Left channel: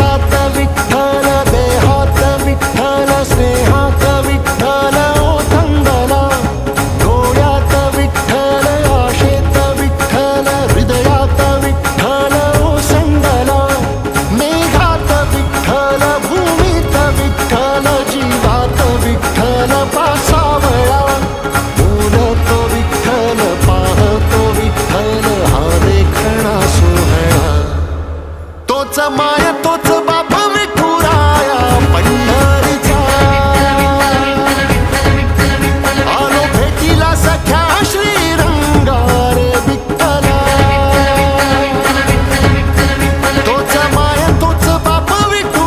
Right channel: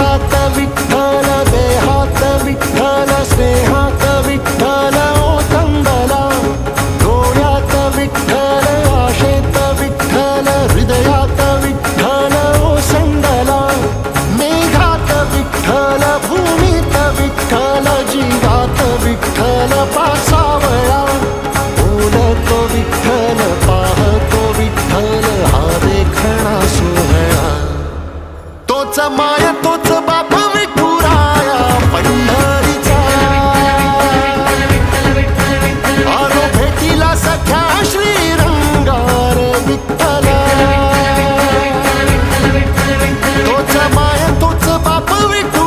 श्वासात विठ्ठल, देहात विठ्ठल, स्नेहात विठ्ठल ओथंबला. डोळ्यात विठ्ठल, आशेत विठ्ठल, हृदयात विठ्ठल ओसंडला. मेघात विठ्ठल, भूमीत विठ्ठल, जीवात विठ्ठल पासावळा. बोलतो विठ्ठल, पाहतो विठ्ठल, हा देखणा सोहळा. तोच माय तोच बाप विठुराया पंढरीचा. आलो भेटीला सख्या श्रीरंगार विठ्ठला. तोच माय तोच बाप विठुराया